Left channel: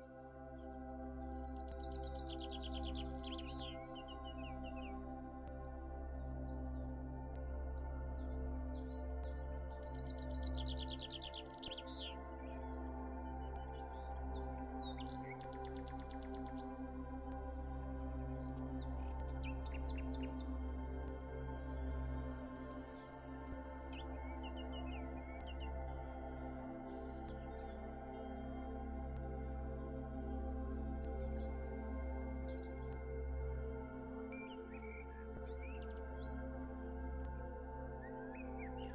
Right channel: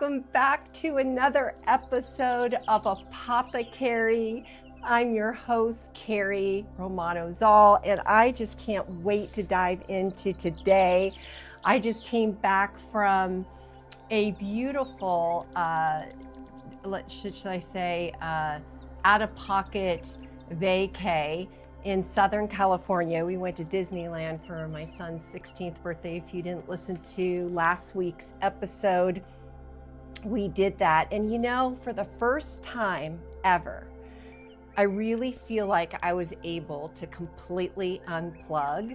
welcome back to another episode of ApotheKerry. I'm your host, Kerry Romano-Zoll, and I just can't wait to dive into today. I just came back from a beautiful, should I say, out-of-pocket vacay in Southern California. We went to Disneyland for my son's 16th birthday. If you didn't listen to last week's episode, we did that. And you know, for the first time ever, I really feel like I was able to completely unplug.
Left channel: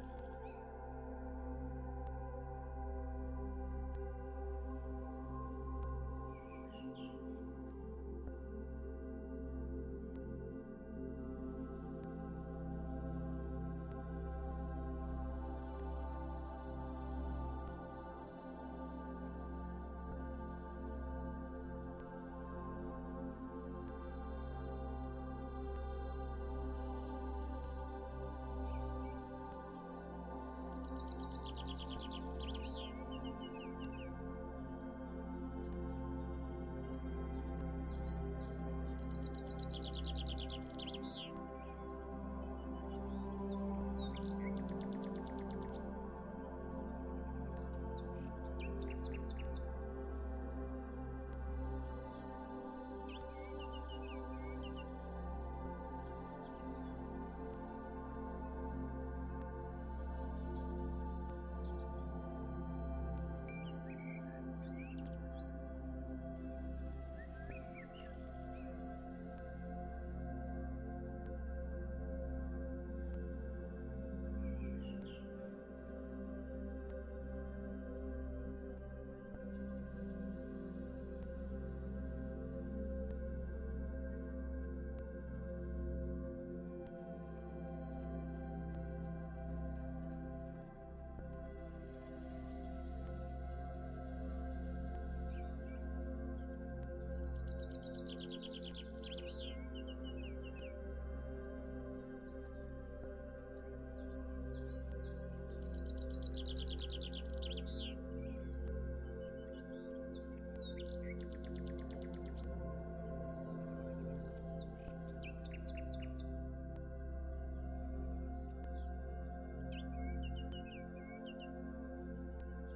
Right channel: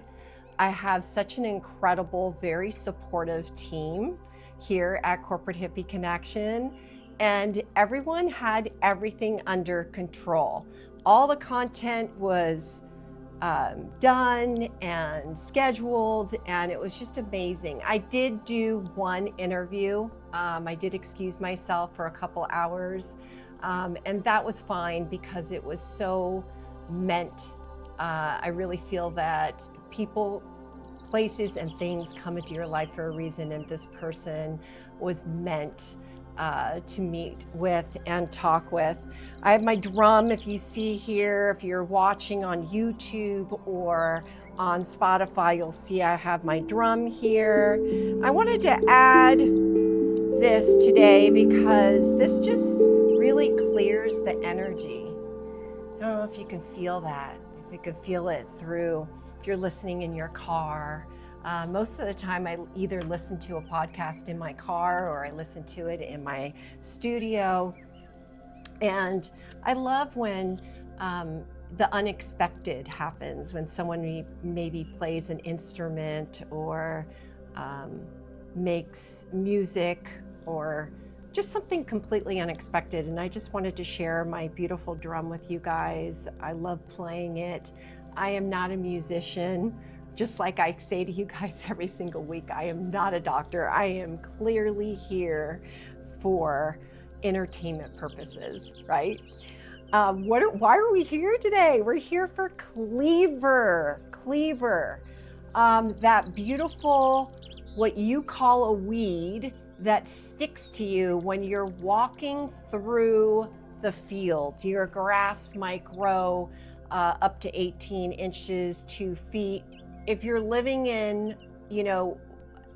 I have such an incredible, very supportive team here at Corporate Hippie Connection, and everyone had everything under control. All the content was done and scheduled, and it was just amazing. I did do one interview. I did excuse myself for a couple hours, and that was fine because it was so meant. I really feel that people, places, and things come into your life for a reason, and this person was meant to meet with and talk with. I have my drum, if you see here, if you're watching on YouTube or on Spotify, you'll see I have my drum here. I wanted to add this today because this just really clears the energy. I don't know if you can feel that, if you can feel it through, if you're listening in your car. Most of the time I either listen to a podcast in my car or I listen to it in my studio. And I love when the unexpected happens, when someone maybe plays an instrument or makes music or just something completely unexpected. And I just wanted to share my beautiful drum with you guys. I love playing it. I am not a musician. Just like I say to you guys every single week, I am not a doctor. I am clearly here for entertainment purposes, right? Why are we here today? We're here for Cleaver, that beautiful, what you call a weed that sticks to you when you're walking through the field. Your grass might grow up to 18 inches, 2 feet. If you're living in,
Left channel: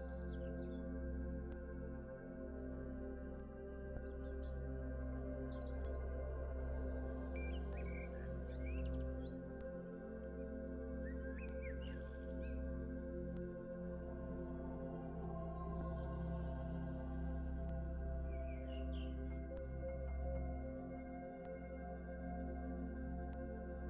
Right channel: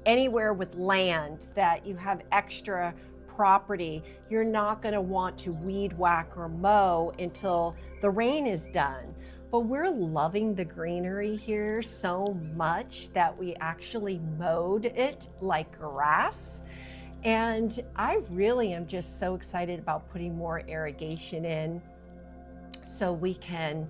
anywhere with land that you have extra property, you're not going to want to weed whack or mow until the rain is done. But we're loving the greenery here so much that we actually mowed it like grass. And I really am just so excited about putting more irrigation in so we can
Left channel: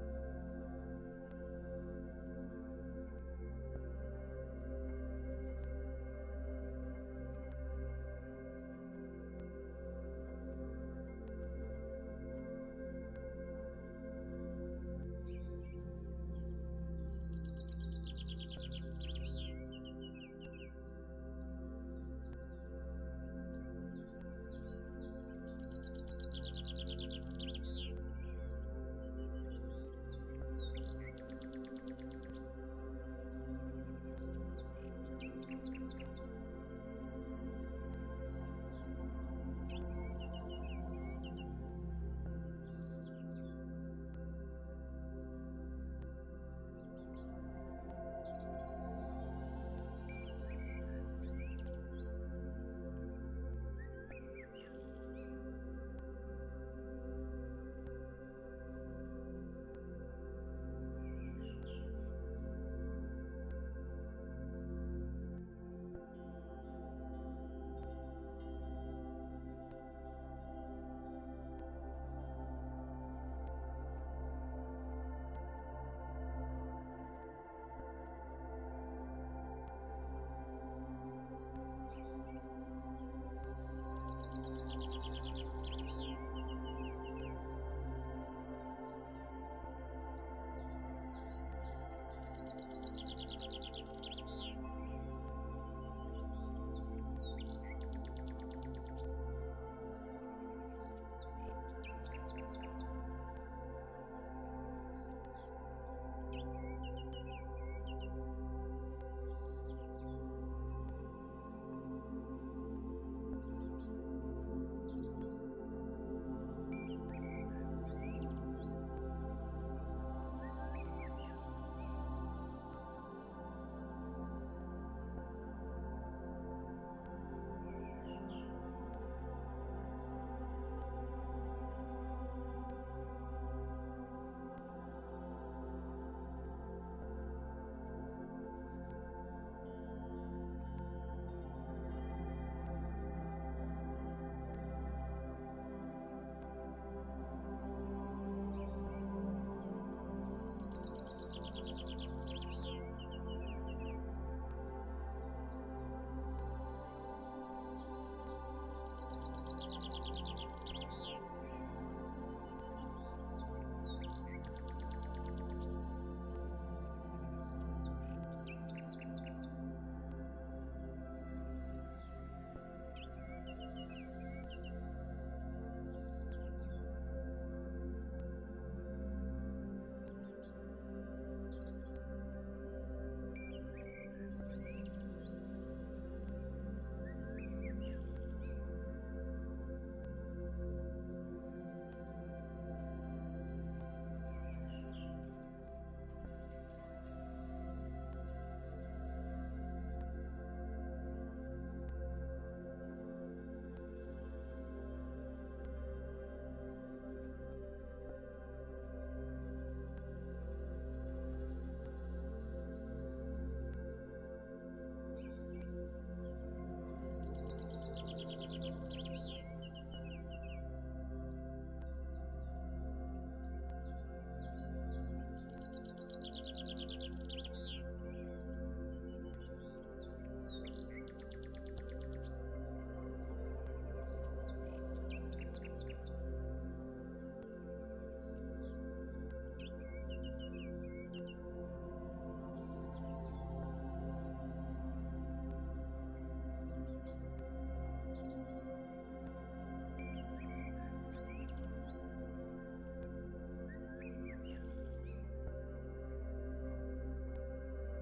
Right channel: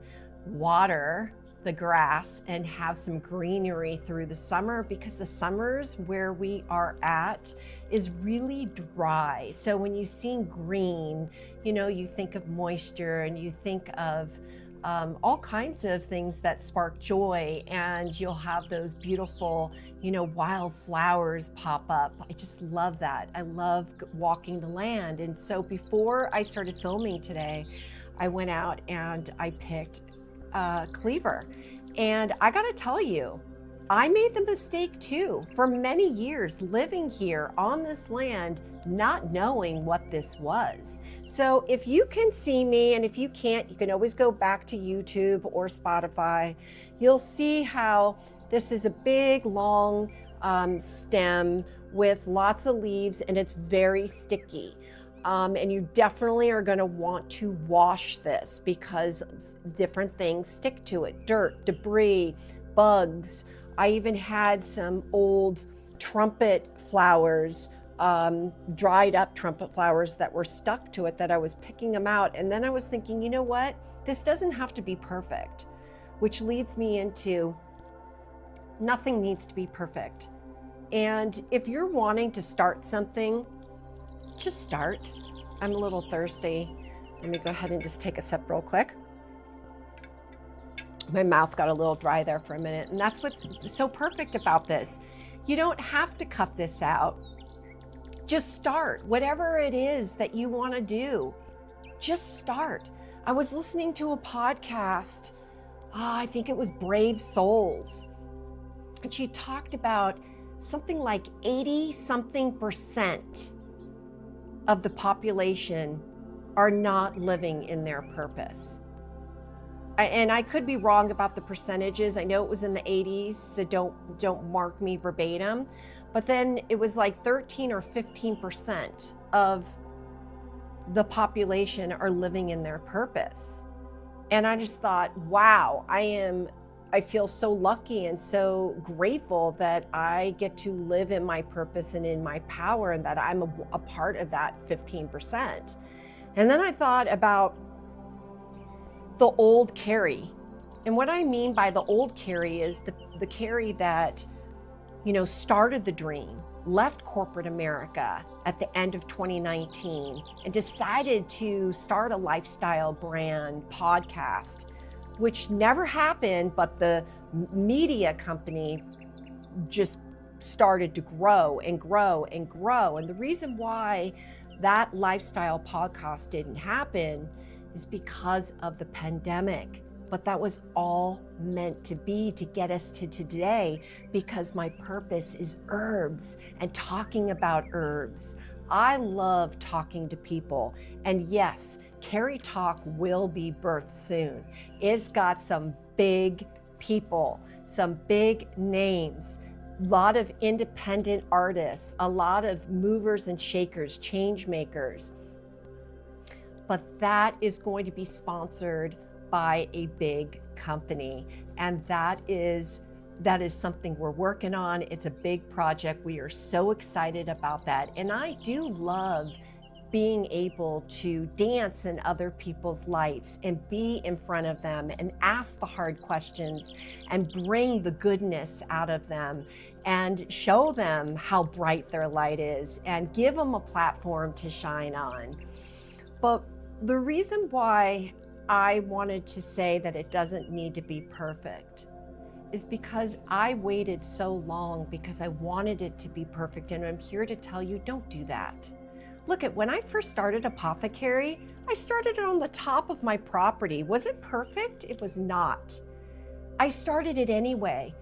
water the grass and have some greenery through the summer, because the summers where we are at is really dry. So when you see green, you think of moisture and you think of all kinds of things that spark joy, and you'll have those beautiful, wild flowers pop up. I just love that. I love walking the land. And so before I started filming today, I went out and I picked Cleaver. And I gotta tell you, I made the mistake too, for many years living here on this land, not knowing what this was. So if you can see me, and if you can't, you can always go back to YouTube or Spotify. You'll see how this is a big, long stem with lots of leaves, and it's very sticky. And you definitely are gonna want to wash this because different things stick to it. Dirt, debris, bugs. I even had some old trumpet flowers, dried up trumpet flowers that were stuck to it that I was picking them out. And then I was thinking, you know what? This doesn't have to be perfect, which leads me into nothing needs to be perfect. And if you're wanting to start something, just start. I'm a little thirsty. Let me go ahead and just take a sip real quick. My mouth got a little dry there for a minute, and that's what's so perfect about this. You don't have to cut this out. Just start. Whatever it is that you want to do, just start. I was listening to a podcast, I think it was Brave Souls, and she talked about something like 80-something% of the population are not living in their purpose. And I could be wrong about the percentages. I know it was in the 80s, so don't mark me verbatim. But then it was like 13 or 15% of the population are living in their purpose. And I just thought, wow, I feel so lucky and so grateful that I get to live in my purpose and in my power, and that I'm a part of that 15%. And then I thought about the old Kerry. And what I mean by the old Kerry is the Kerry that, started the dream, left corporate America at the end of 2019 and decided to start a lifestyle brand podcast, which never happened, but the media company just started to grow and grow and grow. And the reason why that lifestyle podcast didn't happen is because of the pandemic. But that was all meant to be, to get us to today, because my purpose is herbs and talking about herbs. I love talking to people. And yes, Kerry Talk will be birthed soon. It's got some big people, some big names, a lot of independent artists, a lot of movers and shakers, change makers. But that is going to be sponsored by a big company. And that is something we're working on. It's a big project. We are so excited about that. And I do love being able to dance in other people's lights and be in front of them and ask the hard questions and bring the goodness out of them and show them how bright their light is and give them a platform to shine on. But the reason why I wanted to say that it doesn't need to be perfect is because I waited so long because I wanted it to be perfect. And I'm here to tell you, don't do that. Look, when I first started ApotheKerry, I started it on the top of my property. Was it perfect? It was not. I started it anyway.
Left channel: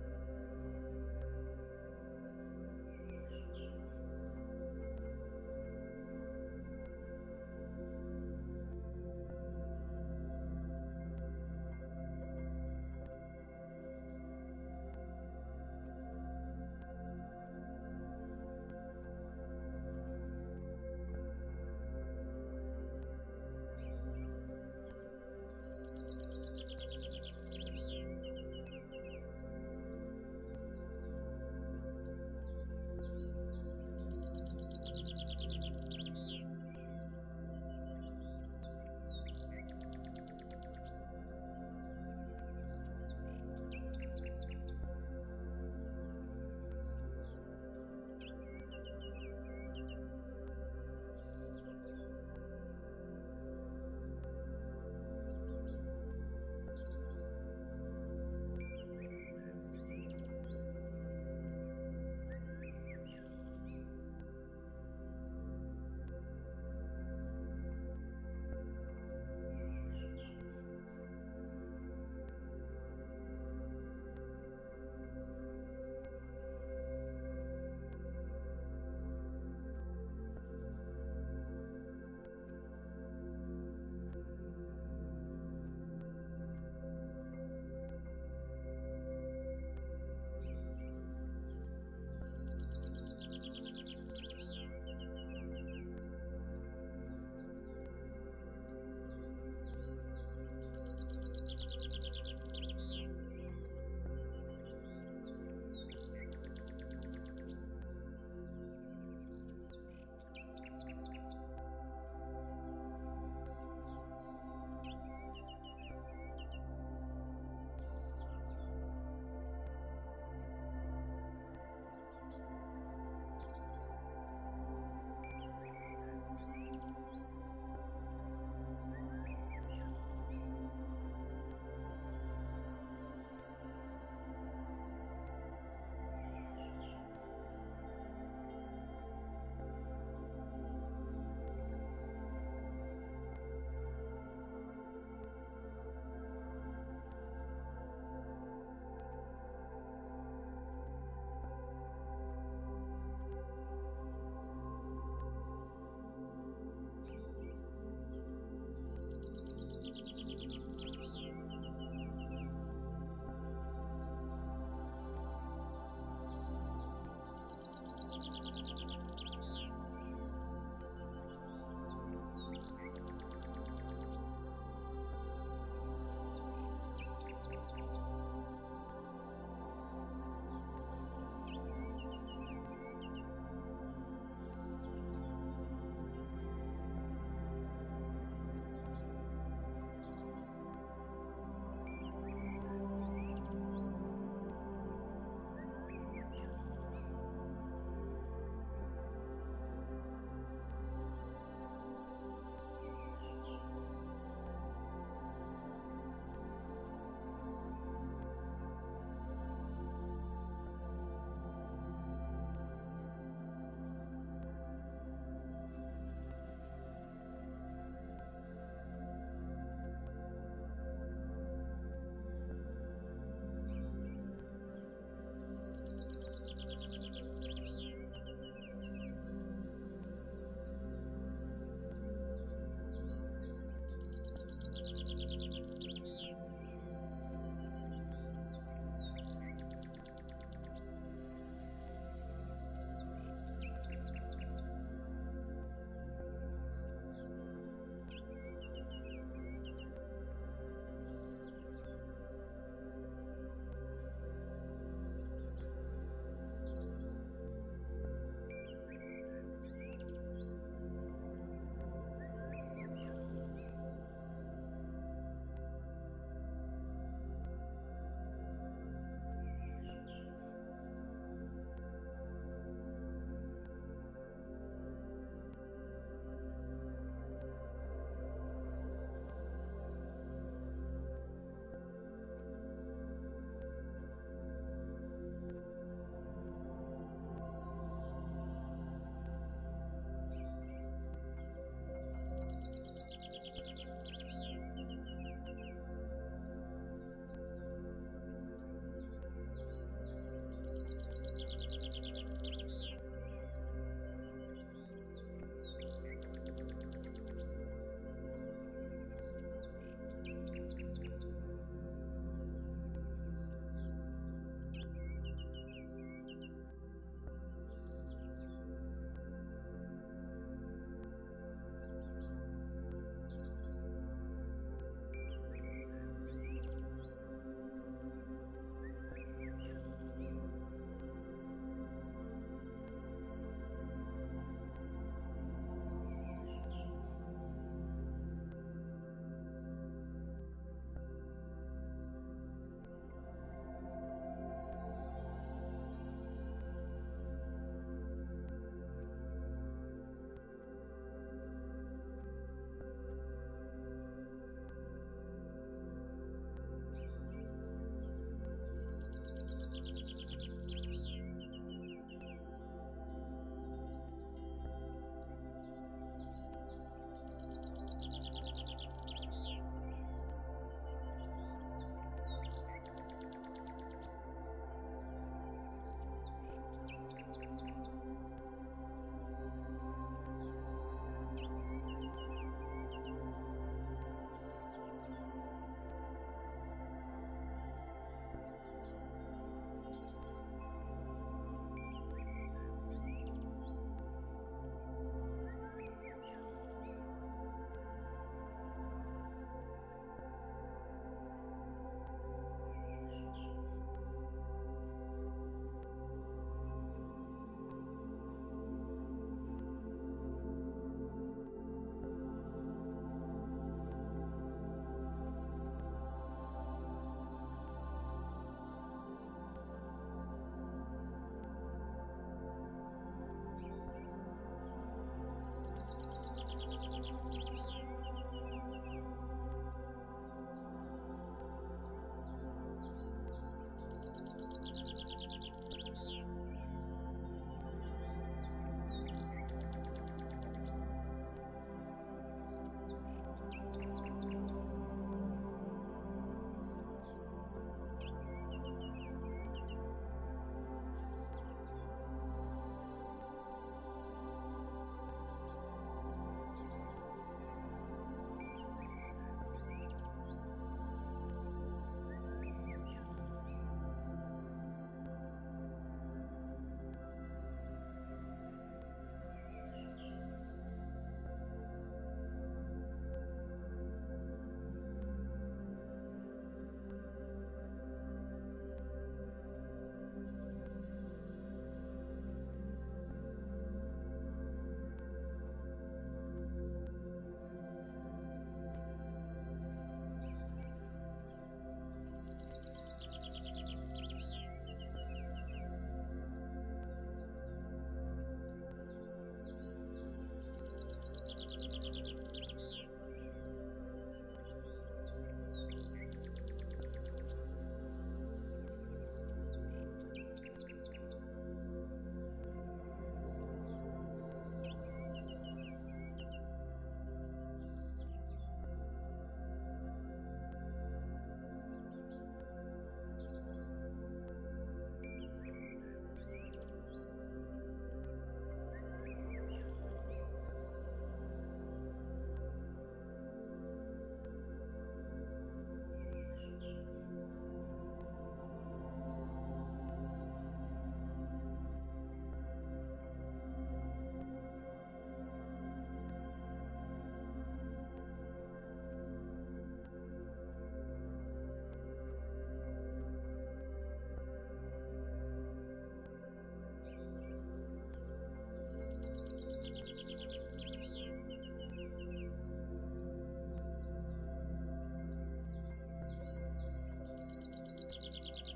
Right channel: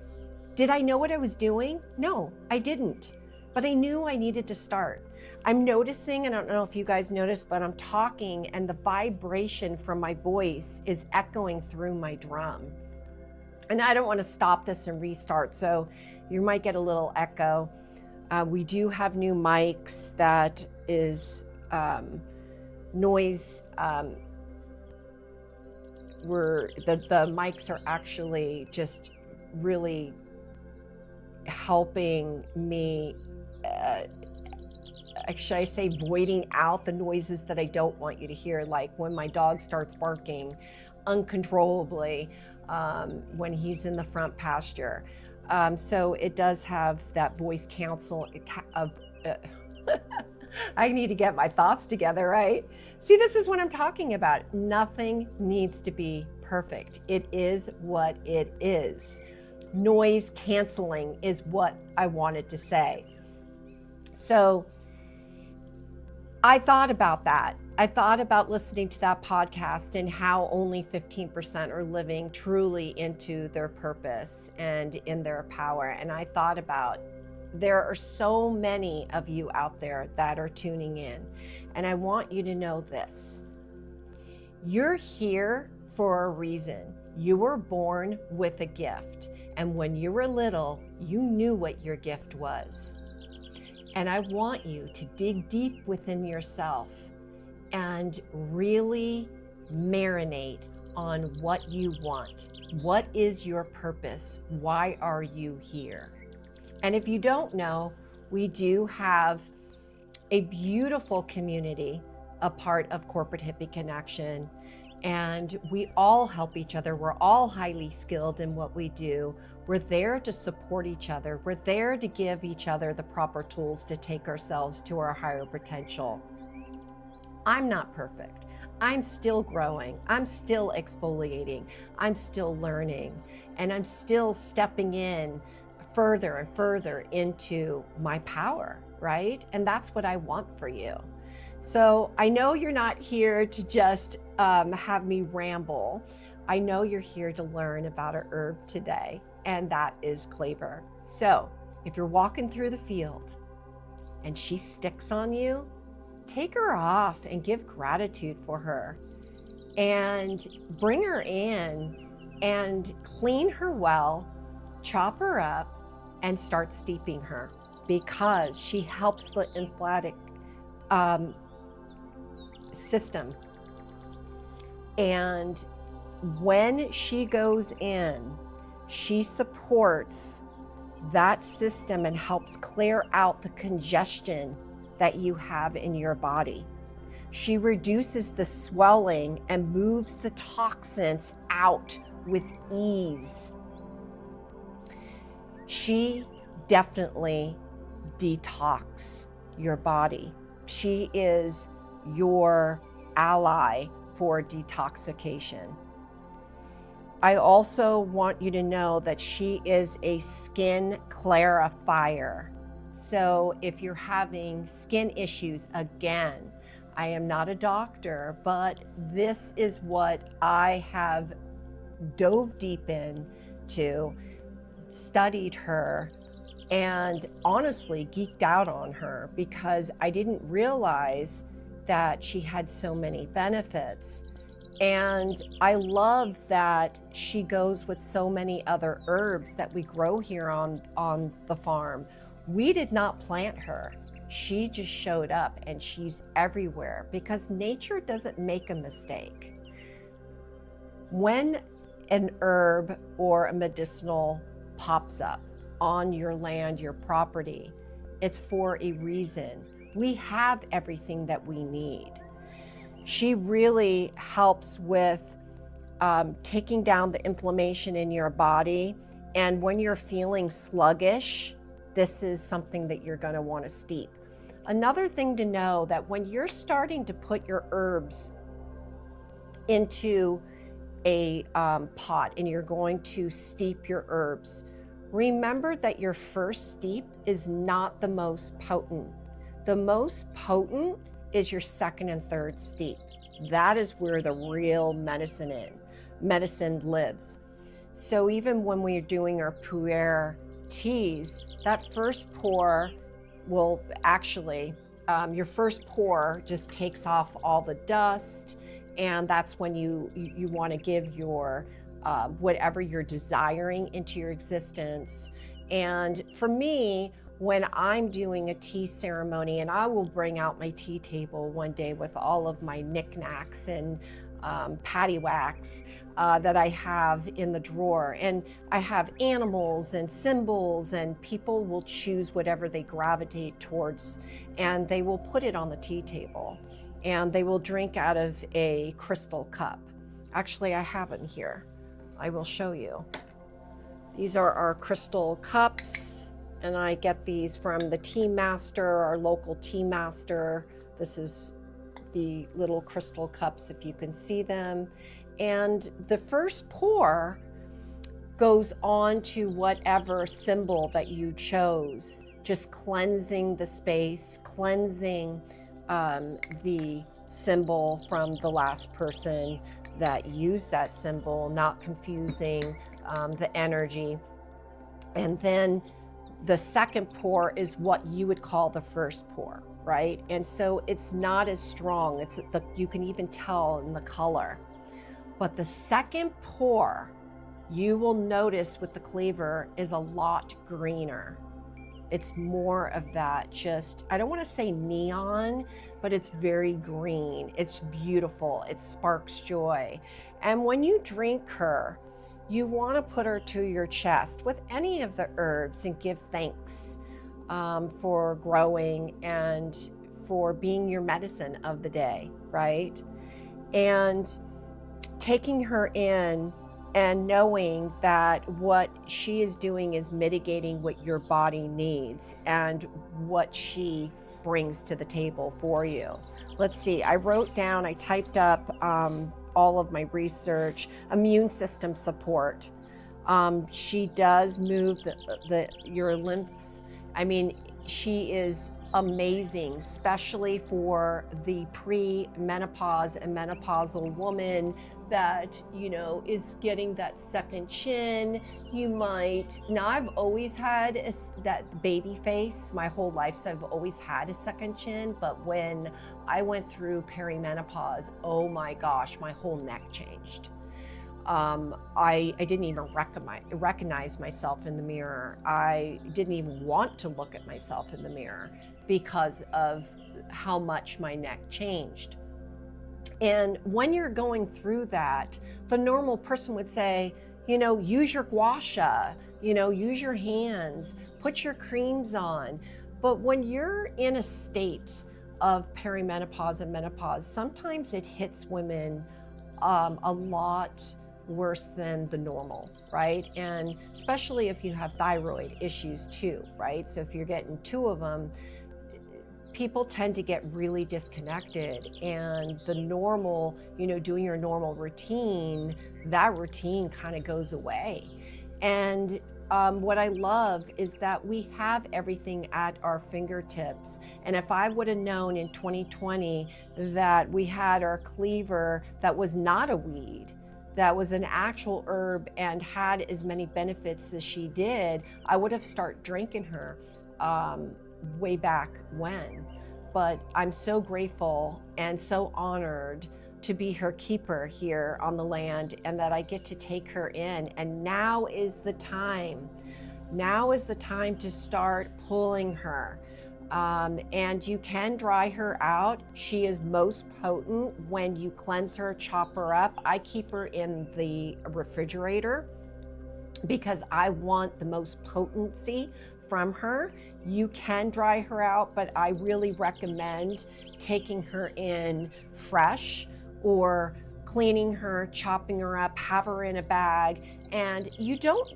Did I know what I was doing? No, I didn't. But I knew I needed to start. I'm noticing, and I don't know if you guys notice, but I'm talking and the vibration from my voice is echoing through my drum. And I don't want to stop this and restart, so you might get a little echo. We do have new mics that is noise. The mics are actually just really helping me, should I say, voiding out the noises that I don't want you to hear, like when my dog starts barking uncontrollably when he's in the front pasture. So it does have that voice counsel of I need to get my thoughts together, right? See, this is what I'm talking about. Nothing needs to be perfect. It is what it is. Noise canceling is what I wanted to say. So I thought about that. I thought about listening to that podcast and how only 15% are living truly into their purpose and in their power. And I thought about, there are so many of you out there that are tuning in. And I want you to know this. You're here for a reason. You were born with a gift. And when you were little, you knew what your gift was. And I want you to dig deep within yourself and really marinate on what you want. What is your purpose? Why are you here? And if you don't know, we do have a beautiful community, a part of Corporate Hippie Connection, and we all help each other. We're all highly skilled in what we do. We're there to support each other. We're there to give each other the proper tools to take ourselves to our higher potential. I'm not perfect. I'm still growing. I'm still exfoliating. I'm still learning. And I'm still stepping in further and further into my power, right? And that's what I want for you. So I know you're not here to just have me ramble. I know you're here to learn about a herb today, and that is Cleaver. So if you're walking through the field and she sticks on you, take her off and give gratitude for her, and bring her in and clean her well, chop her up, and start steeping her, because she helps the lymphatic system. And when she goes in, she supports that system and helps clear out the congestion that you have in your body. She reduces the swelling and moves the toxins out with ease. She definitely detox your body. She is your ally for detoxification. I also want you to know that she is a skin clarifier. So if you're having skin issues, again, I am not a doctor, but this is what I have dove deep into, studied her, and honestly geeked out on her, because I didn't realize that she had so many benefits. And I love that she goes with so many other herbs that we grow here on the farm. We did not plant her. She just showed up, and she's everywhere, because nature doesn't make a mistake. When an herb or a medicinal pops up on your land, your property, it's for a reason. We have everything that we need. She really helps with taking down the inflammation in your body. And when you're feeling sluggish, this is something that you're going to want to steep. Another thing to know, that when you're starting to put your herbs into a pot and you're going to steep your herbs, remember that your first steep is not the most potent. The most potent is your second and third steep. That is where the real medicine lives. So even when we're doing our pu'er teas, that first pour will actually, your first pour just takes off all the dust, and that's when you want to give your whatever you're desiring into your existence. And for me, when I'm doing a tea ceremony, and I will bring out my tea table one day with all of my knickknacks and paddywhacks that I have in the drawer, and I have animals and symbols, and people will choose whatever they gravitate towards, and they will put it on the tea table, and they will drink out of a crystal cup. Actually, I have them here. I will show you. These are our crystal cups, and I get these from the tea master, our local tea master. This is the little crystal cups, if you can see them. And the first pour goes on to whatever symbol that you chose, just cleansing the space, cleansing the symbol from the last person that used that symbol, not confusing the energy. And then the second pour is what you would call the first pour, right? And so it's not as strong. You can even tell in the color. But the second pour, you will notice with the cleaver, is a lot greener. It's more of that, just, I don't want to say neon, but it's very green. It's beautiful. It sparks joy. And when you drink her, you want to put her to your chest with any of the herbs and give thanks for growing and for being your medicine of the day, right? And taking her in and knowing that what she is doing is mitigating what your body needs and what she brings to the table for you. Let's see, I wrote down, I typed up all of my research. Immune system support. She does move your lymphs. I mean, she is amazing, especially for the pre-menopause and menopausal woman that, is getting that second chin. You might, now I've always had that baby face my whole life, so I've always had a second chin, but when I went through perimenopause, oh my gosh, my whole neck changed. I didn't even recognize myself in the mirror. I didn't even want to look at myself in the mirror because of how much my neck changed. And when you're going through that, the normal person would say, use your gua sha, use your hands, put your creams on. But when you're in a state of perimenopause and menopause, sometimes it hits women a lot worse than the normal, right? And especially if you have thyroid issues too, right? So if you're getting two of them, people tend to get really disconnected, and the normal, doing your normal routine, that routine kind of goes away. And what I love is that we have everything at our fingertips. And if I would have known in 2020 that we had our cleaver that was not a weed, that was an actual herb and had as many benefits as she did, I would have started drinking her way back when. But I'm so grateful and so honored to be her keeper here on the land, and that I get to take her in. And now is the time. Now is the time to start pulling her. And you can dry her out. She is most potent when you cleanse her, chop her up. I keep her in the refrigerator because I want the most potency from her. You can dry her out, but I really recommend taking her in fresh, or cleaning her, chopping her up, have her in a bag. And you don't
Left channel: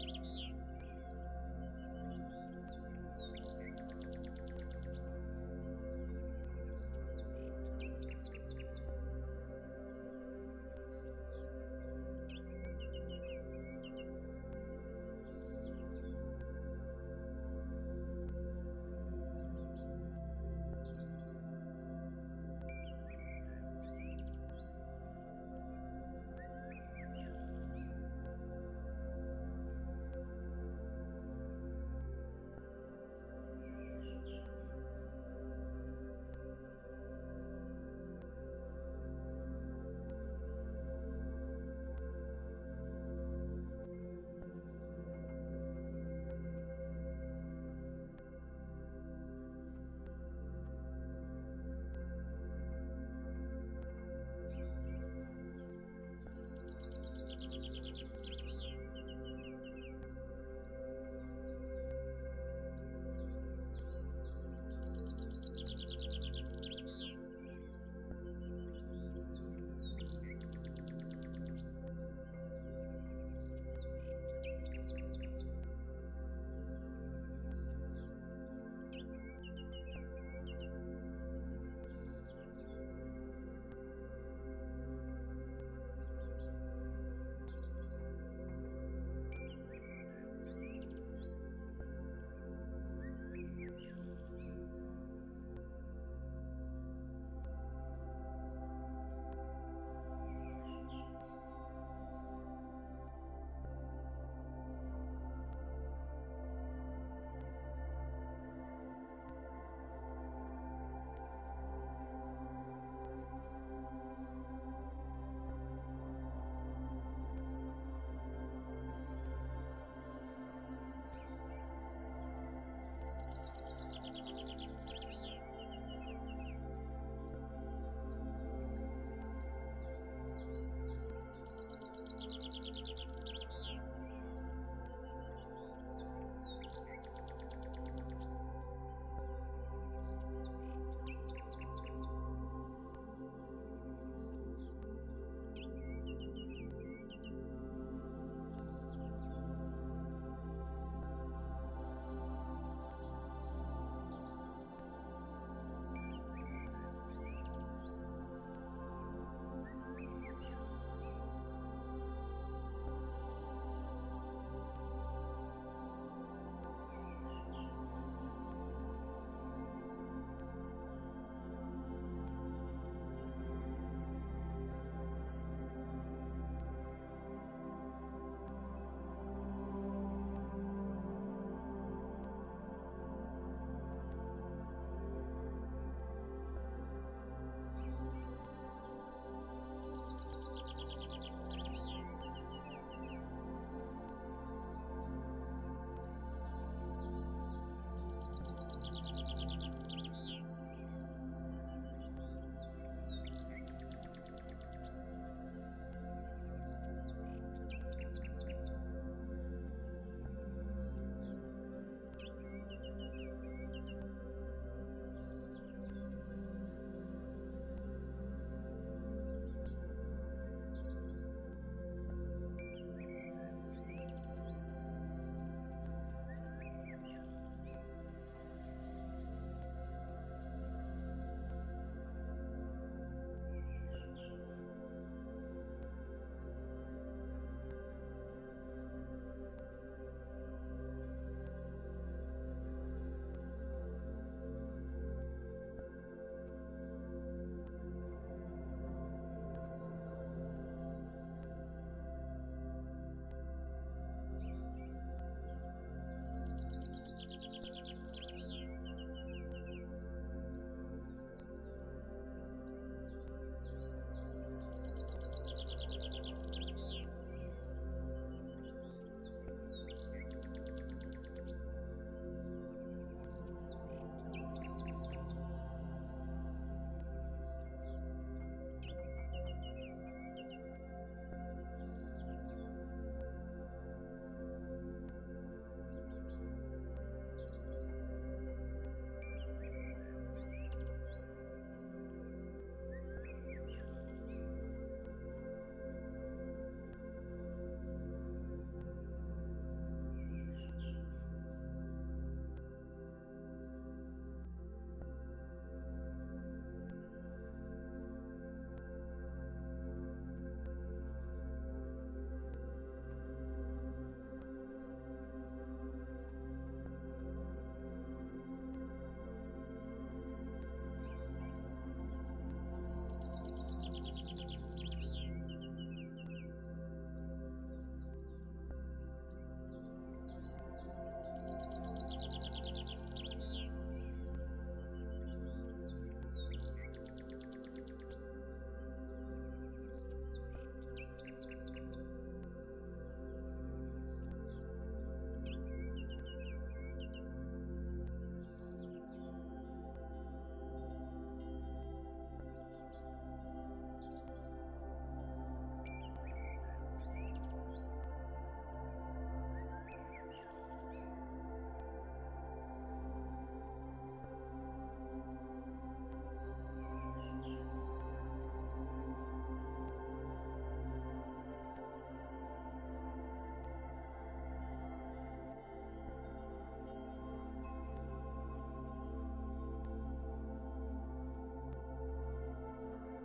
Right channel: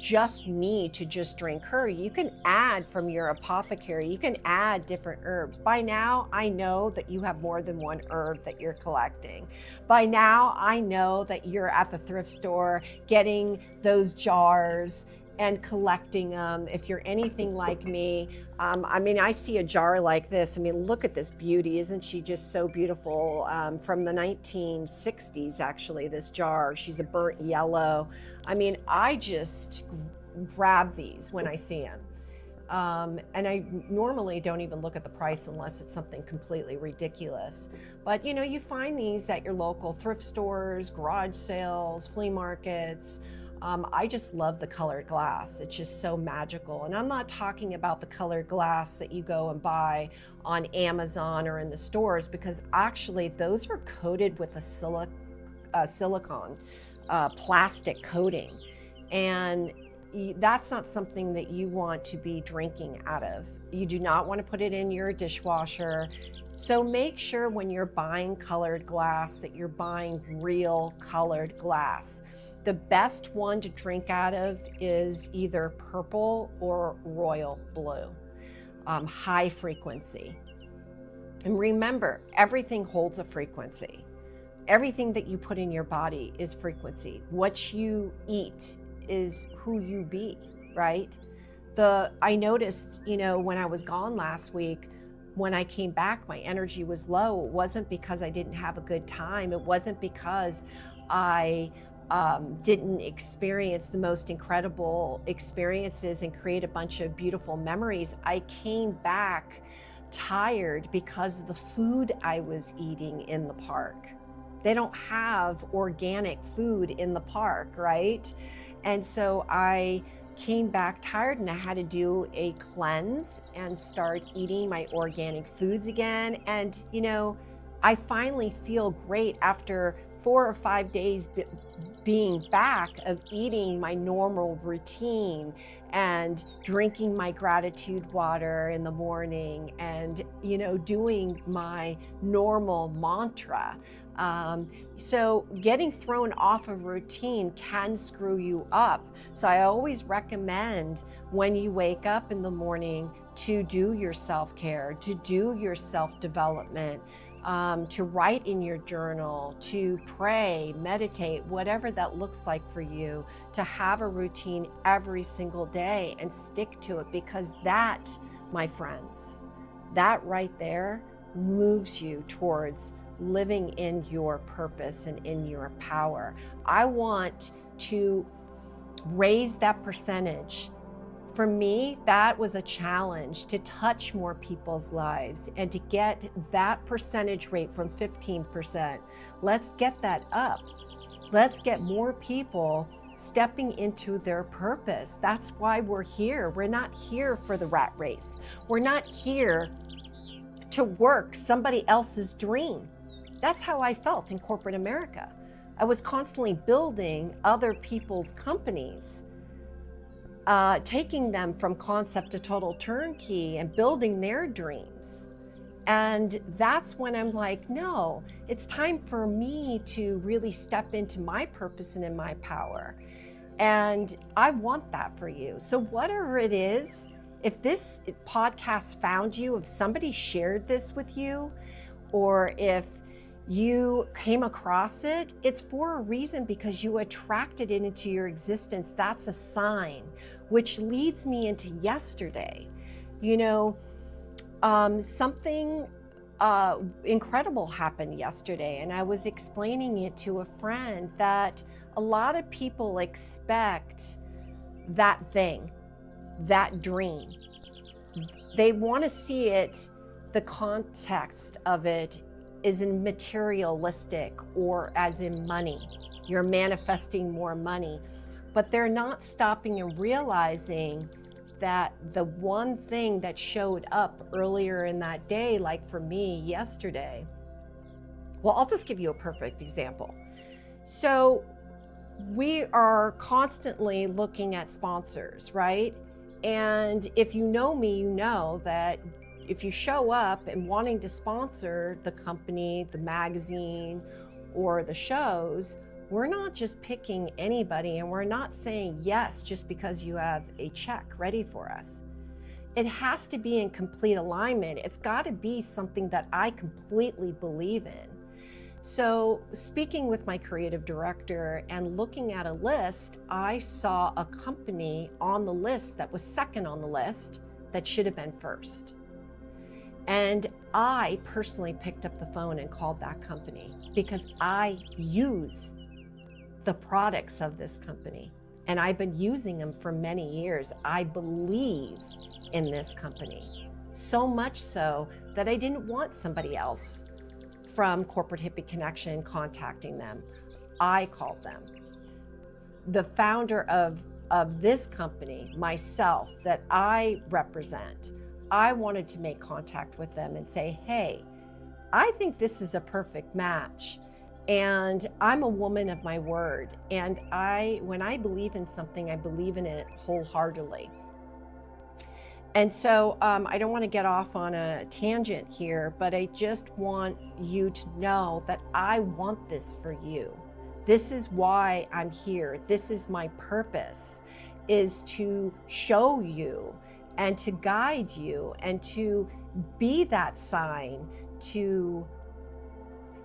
just need to just drink her. You can add from your ApotheKerry, you can add different herbs. By now, I know that you have more than one herb that you're collecting. By now, I know that you're at the thrift store getting those jars and collecting them. If you're anything like me, I see a jar like this. Look at this beauty. Isn't she just so beautiful? From the 1960s, actually, this jar. She's a burnt yellow. I just grab these when I see them. And I normally don't even look at the price unless it's something completely ridiculous. But you find these at your local thrift stores, garage sales, flea markets. I just love the colored glass. It's just so magical. And I'm not talking about the colored glass that you go and buy on Amazon or in the stores, because actually those are coated with a silicone plastic coating. And that's not something that you want to be drinking out of. You do not want to put it in your dishwasher. So make sure when you're buying colored glass that you're buying real colored glass. The best one to drink out of is either purple or royal blue, high frequency. And remember, everything holds a frequency. Everything that you put in your body is frequency. What you eat is who you be, right? I noticed, when I was gone last week, when I came back, my energy was low. It wasn't because I didn't have a good time. It wasn't because I didn't experience the most incredible experiences and create a bunch of beautiful memories. I came back tired because of the food I was eating in the park. They don't have organic food in the park, right? And so I came back tired, and I had to do a cleanse and start eating my organic foods again. And I finally feel great after 4 or 5 days being back of eating my normal routine and drinking my gratitude water in the morning and doing my normal mantra. So getting thrown off a routine can screw you up. So I always recommend when you wake up in the morning to do your self-care, to do your self-development, to write in your journal, to pray, meditate, whatever that looks like for you, to have a routine every single day and stick to it, because that, my friends, that right there moves you towards living in your purpose and in your power. I want to raise that percentage. For me, that was a challenge, to touch more people's lives and to get that percentage rate from 15%. Let's get that up. Let's get more people stepping into their purpose. That's why we're here. We're not here for the rat race. We're not here to work somebody else's dream. That's how I felt in corporate America. I was constantly building other people's companies, taking them from concept to total turnkey and building their dreams. And that's when I'm like, no, it's time for me to really step into my purpose and in my power. And I want that for you. So whatever it is, if this podcast found you, if somebody shared this with you, or if you came across it, it's for a reason, because you attracted it into your existence. That's a sign, which leads me into yesterday. You know, something incredible happened yesterday, and I was explaining it to a friend that a lot of people expect that thing, that dream. They want to see it, the context of it is in materialistic, or as in money. You're manifesting more money, but they're not stopping and realizing that the one thing that showed up earlier in that day, like for me yesterday, well, I'll just give you a perfect example. So we are constantly looking at sponsors, right? And if you know me, you know that if you show up and wanting to sponsor the company, the magazine, or the shows, we're not just picking anybody, and we're not saying yes just because you have a check ready for us. It has to be in complete alignment. It's got to be something that I completely believe in. So speaking with my creative director and looking at a list, I saw a company on the list that was second on the list that should have been first. And I personally picked up the phone and called that company because I use the products of this company, and I've been using them for many years. I believe in this company, so much so that I didn't want somebody else from Corporate Hippie Connection contacting them. I called them. The founder of this company, myself, that I represent, I wanted to make contact with them and say, hey, I think this is a perfect match. And I'm a woman of my word. And when I believe in something, I believe in it wholeheartedly. And so I don't want to get off on a tangent here, but I just want you to know that I want this for you. This is why I'm here. This is my purpose, is to show you and to guide you and to be that sign to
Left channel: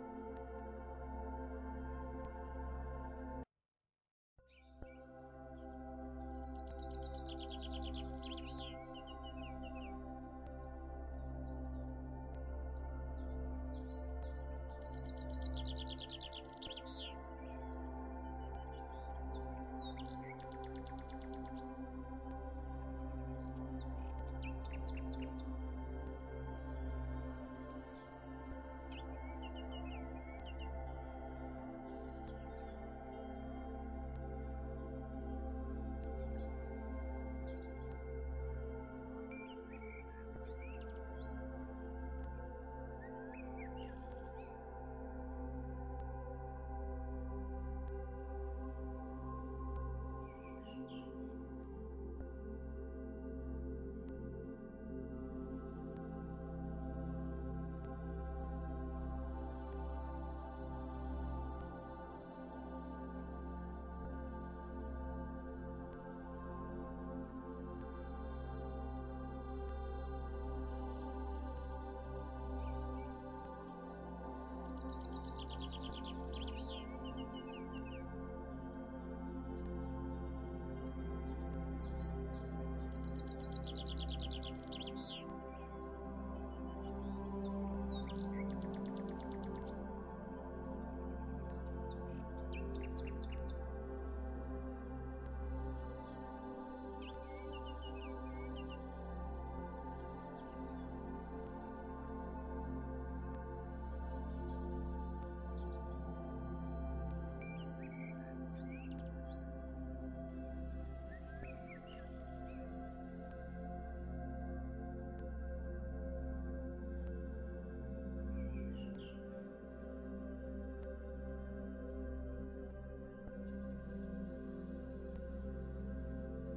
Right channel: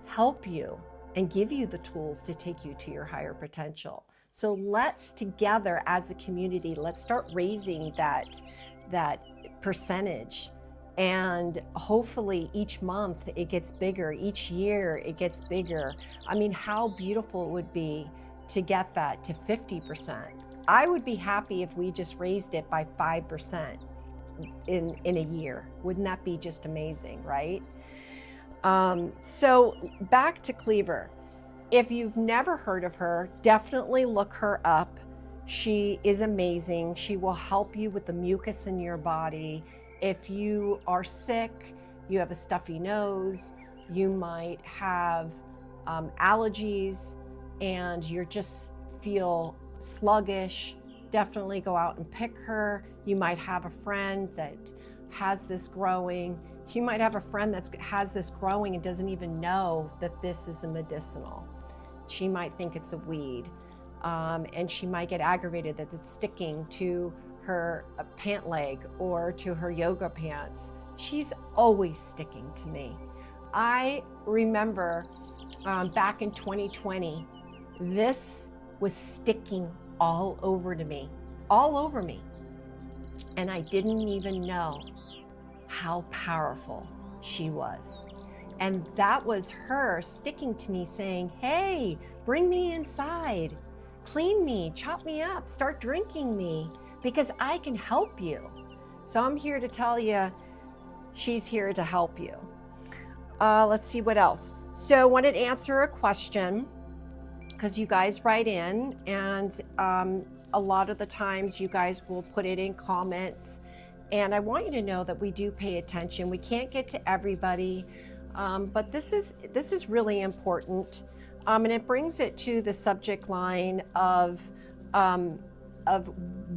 help you and give you the tools to take you to your higher potential. So let's together as a community, let's start raising that percentage. And hopefully each month it gets bigger, each year it gets bigger. I mean, how beautiful it would be to get that to 50%. I would be happy if we just raised it by 5% in a year. Wouldn't that be just amazing, right? So back to Cleaver. If you've never heard of her, definitely look her up. She is amazing. She will help you with the mucus in your body. If you are sick, you have a stuffy nose, you might have allergies, and you just feel sluggish, definitely go out and pick her. You might have a friend that has this growing. You might have a friend that has this growing and doesn't even know that this is a medicinal. She might think it's a weed, and she might get aggravated that it's sticking to her pant leg or to her yoga pants. She's always sticking to me. I remember back in 2020, this was sticking all over me, and I didn't even know. how powerful she was. And that was her sticking to me saying, hey, bring me inside, clean me, chop me up, start drinking me, because I can help you. So I'm here to tell you, she's here to help you. Let's see what else. So I wanted to answer a question, because you guys write in, and a lot of the times you guys will put it in comments. And I want you to know that we do pay attention. We can't get to everybody, but this is really important. And it brings it to the subject line of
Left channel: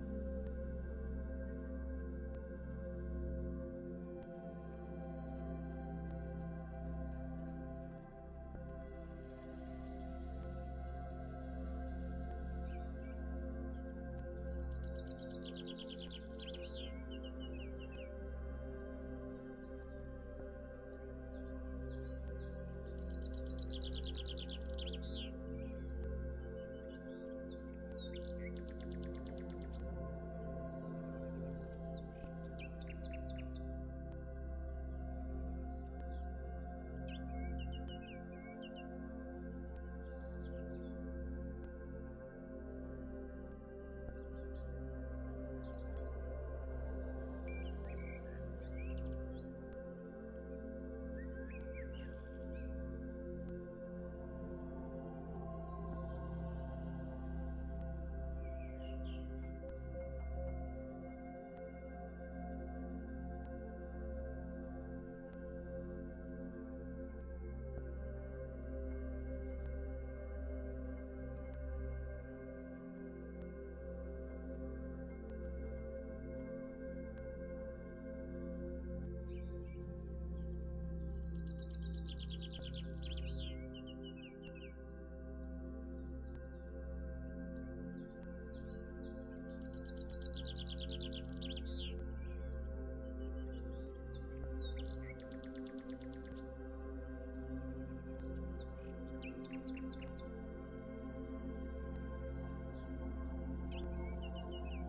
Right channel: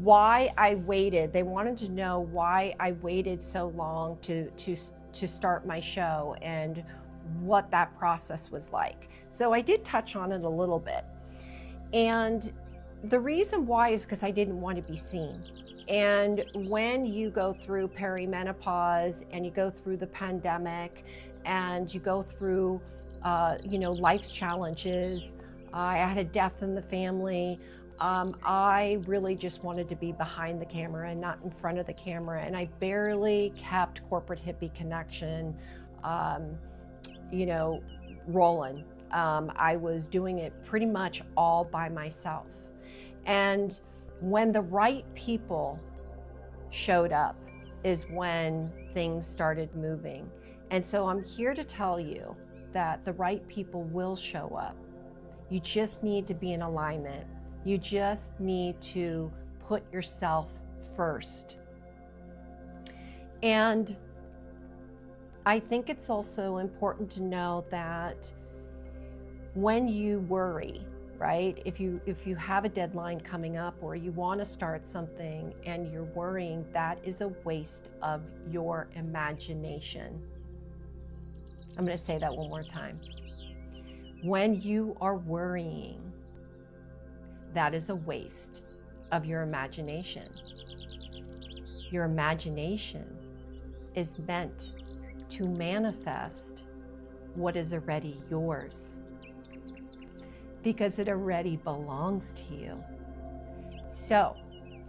why I waited. They wanted to know why I waited so long to start my show and what that process was like. So I did touch on it a little bit. And the reason why is because I didn't want to be seen. And when you go through perimenopause and you go through the pandemic and you go through, life's challenges, I had a death in the family. I really just wanted to be behind the camera and not in front of the camera. And I barely kept Corporate Hippie Connection, rolling. I was doing it pretty much all by myself. And when the right people showed up is when things started moving. And so I'm here to tell you that the right people will show up. You just need to be in alignment. You just need to put yourself first. And I think it's also important to know that when you worry, right? If you have a deadline coming up or you want to start something and you're worrying, that is a waste of your imagination. I'm going to say that one more time. When you are worrying, that is a waste of your imagination. Your imagination is meant to manifest what is already yours, because it already belongs to you. So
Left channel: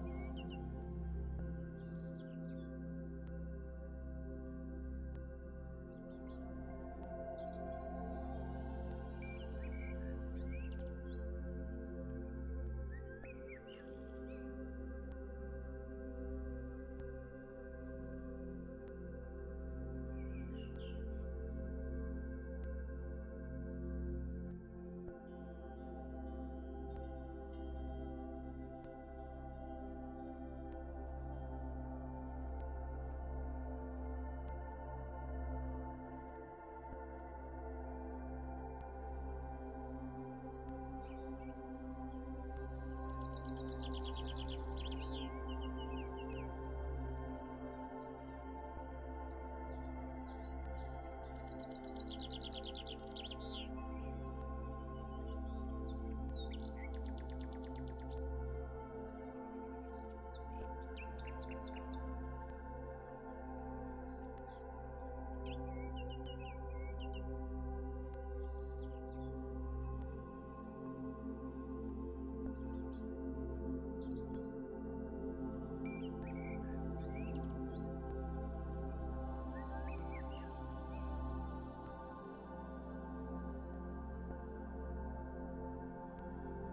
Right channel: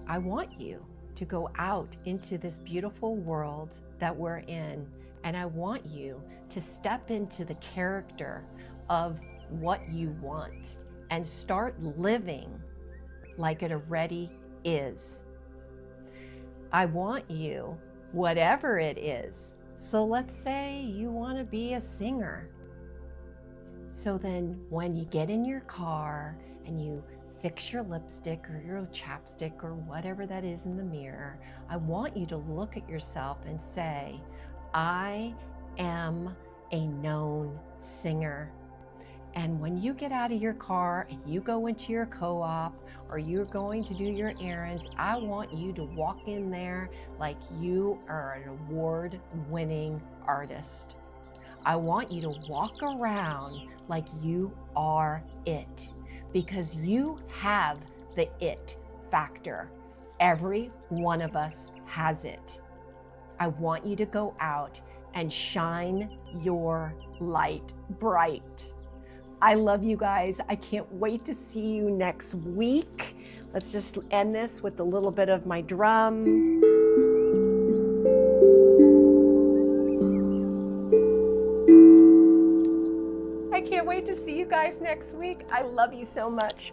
I want you to go out into this beautiful world that we're in, and I want you to step into the character of what you want and start living like it already is. I want you, whatever it is. So let's say you want to be a singer. So then when you get in your car and you fix your lipstick or your chapstick or whatever that is in the mirror, I want you to look at yourself and say, I am a known singer. And when you get out of your car and you go into your co-op or you're going to do your errands, I want you to walk in there like you are an award-winning artist. I want you to walk around like you are it, because you have the it factor. Every one of us has it. I want you to go out and shine your light bright. I love you guys. I can't wait to see you next week. Let's just end this with a little bit of my drum. I can't wait to see you guys next week. I love you so much.